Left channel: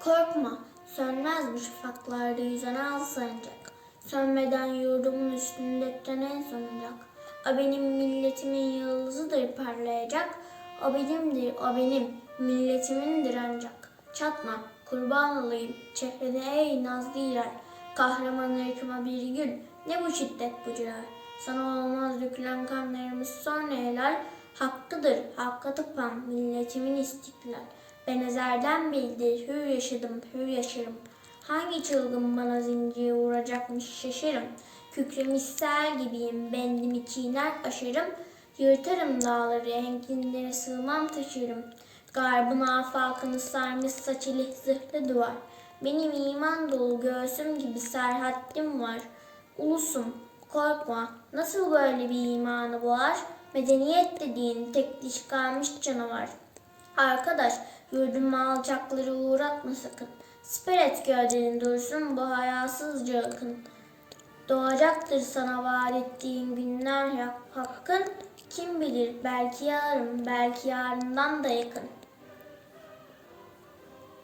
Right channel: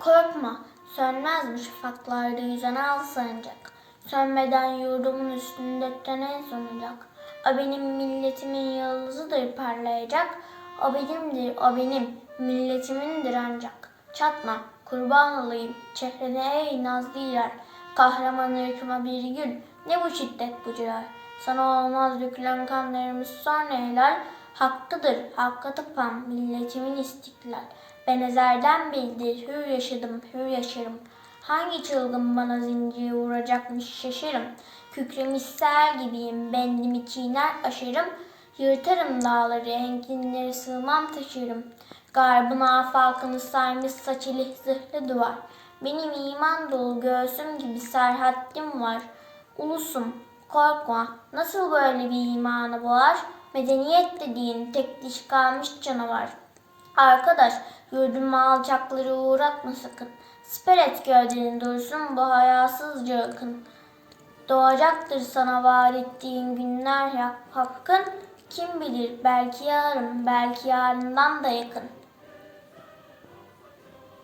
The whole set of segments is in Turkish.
Korkma, sönmez bu şafaklarda yüzen al sancak. Sönmeden yurdumun üstünde en sonacak. O benim milletimin yıldızıdır parlayacak. O benimdir, o benim milletimindir ancak. Çatma, kurban olayım çehrene ey nazlı yer. Kahraman ırkıma bir gül, ne bu şiddet bu celal. Sana olmaz dökülen kanlarımız sonra helal. Hakkıdır, hakka tıpan milletimin istiklal. Ben ezerden bildir, hür yaşadım, hür yaşarım. Hangi çılgın bana zincir vuracakmış şaşırım. Kükremiş ser gibiyim, bendimi çiğner aşırım. Yırtarım dağları, enginleri sığmam taşırım. Garbın afakını sarmış saçılı zırhlı duvar. Benim iman dolu göğsüm gibi serhattim var. Ulusum, korkma, nasıl böyle bir imanı boğar? Medeniyet dediğin tek diş kalmış canavar. Arkadaş, yurduma alçakları uğratma sakın. Siper et gövdenin dursun bu hayasızca akın. Doğacaktır sana vaat ettiğin günler ya hakkın. Kim bilir belki yarın, belki yarından da yakın.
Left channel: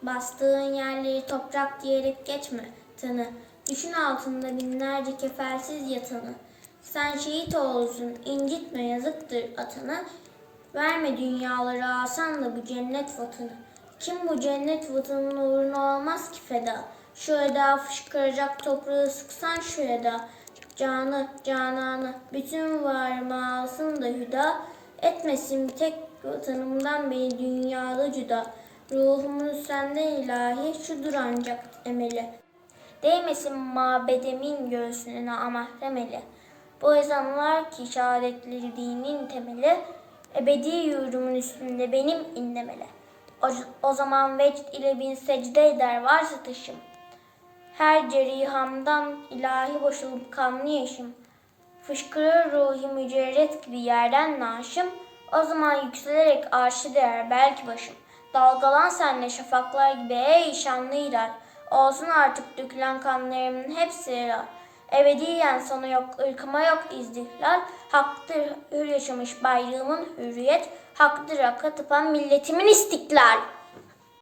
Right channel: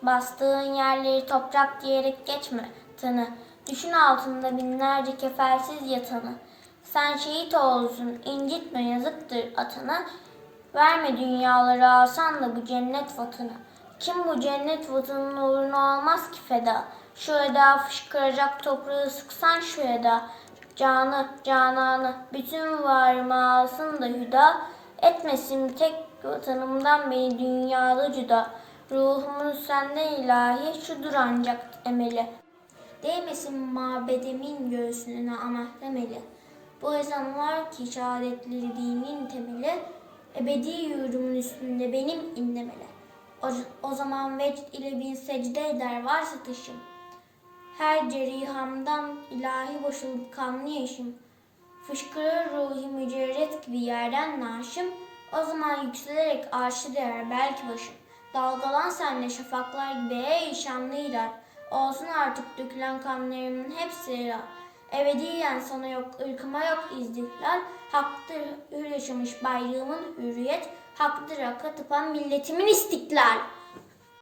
Bastığın yerleri toprak diyerek geçme tanı. Düşün altında binlerce kefelsiz yatanı. Sen şehit olsun, incitme yazıktır atanı. Verme dünyaları alsan da bu cennet vatanı. Kim bu cennet vatanının uğruna olmaz ki feda. Şu eda fışkıracak toprağı sıksan şu eda. Canı, cananı, bütün varımı alsın da hüda. Etmesin tek vatanımdan beni dünyada cüda. Ruhumun senden ilahi şudur ancak emeli. Değmesin mabedimin göğsüne amahrem eli. Bu ezanlar ki şehadetleri dinin temeli, ebedi yurdumun üstünde benim inlemeli. O, o zaman vecd ile bin secde eder varsa taşım. Her cerihamdan ilahi boşalıp kanlı yaşım. Fışkırır ruhi mücerret gibi yerden naşım. O zaman yükselerek arşı değer belki başım. Dalgalan senle şafaklar gibi ey şanlı iler. Olsun artık dökülen kanlarımın hepsi helal. Ebediyen sana yok, ırkıma yok izdihlal. Haktır hür yaşamış bayrağımın hürriyet. Haktır hakka tıpan milletimin istiklal.